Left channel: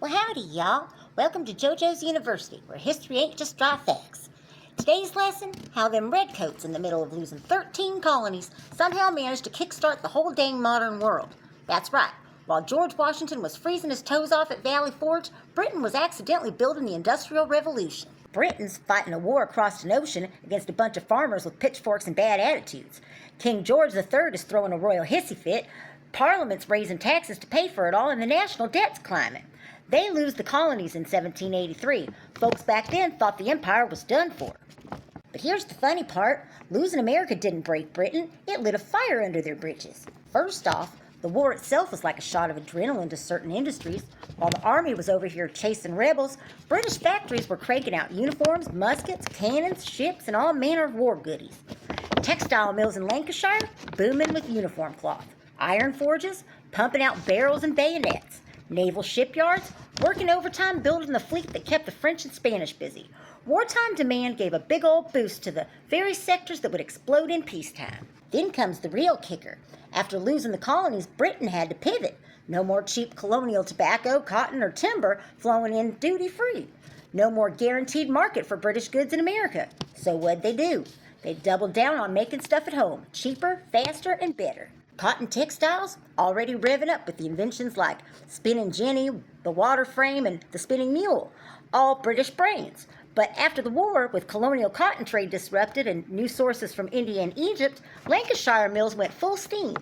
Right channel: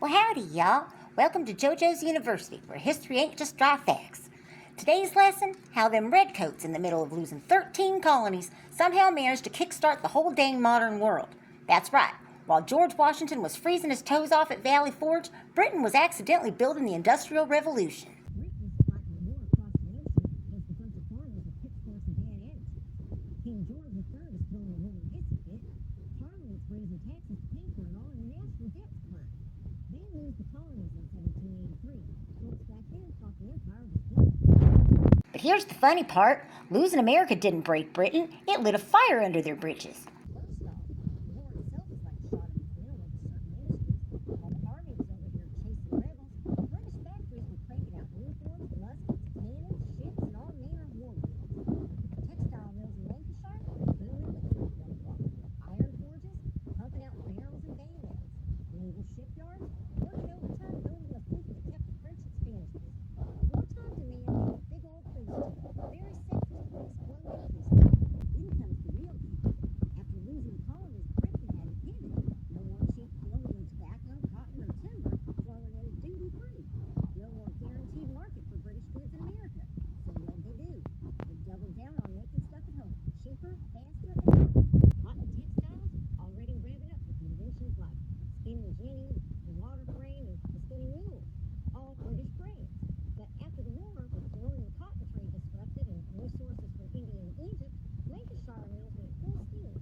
Well, howdy, y'all. Welcome to JoJo's University, where history ain't just dry facts. Today's lesson, how them redcoats in the middle of losing 13 colonies somehow managed to kickstart the whole dang modern world. That's right. While George Washington was freezing his toes off at Valley Forge, Britain was accidentally building the Industrial Revolution. Britain's fighting a war across an ocean against a bunch of farmers with pitchforks and bad attitudes. King George III is throwing a royal hissy fit. Parliament's raising taxes to pay for it all, and the national debt's climbing. They lose the colonies in 1783. Folks back then thought the empire was done for. But here's the funny part. Losing America didn't break Britain. It lit a fire under their britches. First off, the war itself was like a shot of adrenaline to certain industries. While the army was over here chasing rebels, British factories were cranking out uniforms, muskets, cannons, ships, and all manner of war goodies. Textile mills in Lancashire booming with uniform cloth. Iron forges pumping out barrels and bayonets. Naval shipyards working overtime building the fleet that kept the French and Spanish busy. Wartime demand gave a big old boost to the very sectors that would explode in peacetime. Then comes the real kicker. After losing the colonies, Britain had to pivot. No more cheap colonial tobacco, cotton, or timber flowing in duty-free. No more guaranteed market for British goods in America. So what'd they do? They doubled down on making stuff at home, cheaper, faster, and better. Cotton textiles already revving up with the inventions like spinning jenny, the water frame, and the spinning mule, all British brains. But after the war, with colonial cotton trade disrupted and new sources from India and Egypt, Lancashire mills went full steam.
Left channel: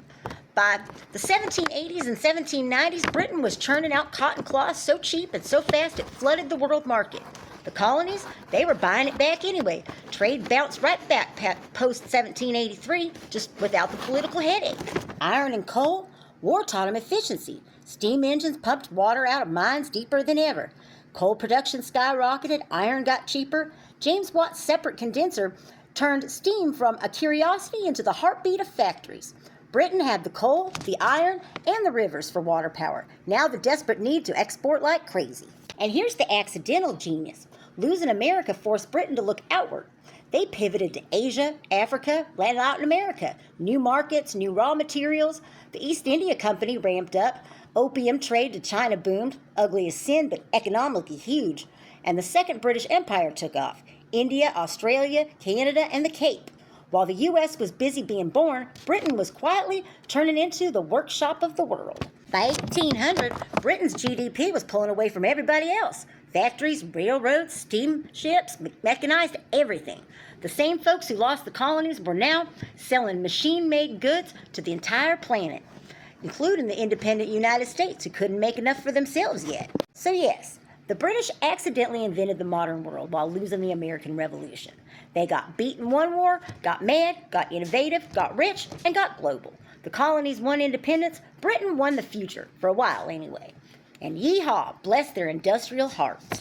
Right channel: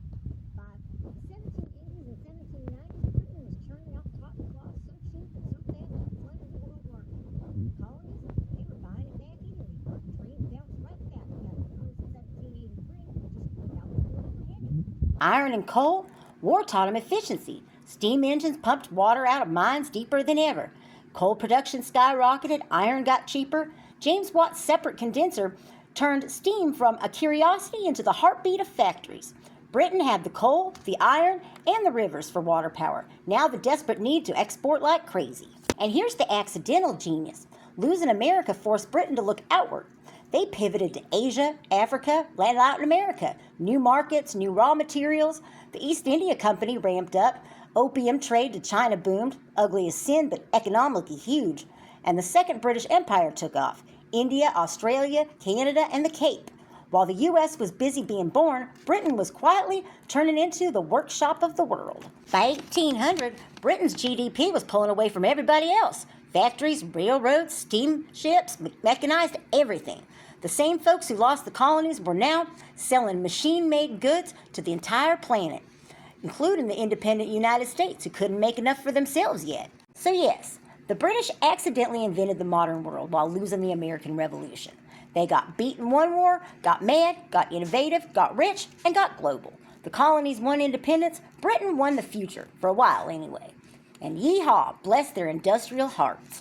By the 1780s and 1790s, Britain was churning out cotton cloth so cheap and so fast it flooded the world market. The colonies, they were buying it back anyway. Trade bounced right back post-1783, just without the political headache. Iron and coal, war taught them efficiency. Steam engines pumped water out of mines deeper than ever. Coal production skyrocketed, iron got cheaper. James Watt's separate condenser turned steam from a curiosity into the heartbeat of factories. Britain had the coal, the iron, and the rivers for water power. Now the desperate need to export like crazy. And here's the accidental genius. Losing America forced Britain to look outward. They pivoted to Asia, Africa, and Latin America. New markets, new raw materials. The East India Company ramped up. Opium trade to China boomed, ugly as sin, but economically huge. And the Second British Empire took off. India, Australia, Canada, and the Cape. While the U.S. was busy being born, Britain was quietly turning into the workshop of the world. By 1800, Britain's GDP was pulling away from everybody else. Factories, railroads, steamships, mechanized everything. The same folks who lost the colonies were now selling machine-made goods to the entire planet, including the independent United States, who couldn't make enough for themselves yet. So yes, the British accidentally invented the modern world while losing the American Revolution. They got beat in one war, got mad, got innovative, got rich, and got global. The colonies won independence, Britain won the future, for a while anyway. And yeehaw, bless their industrial hearts.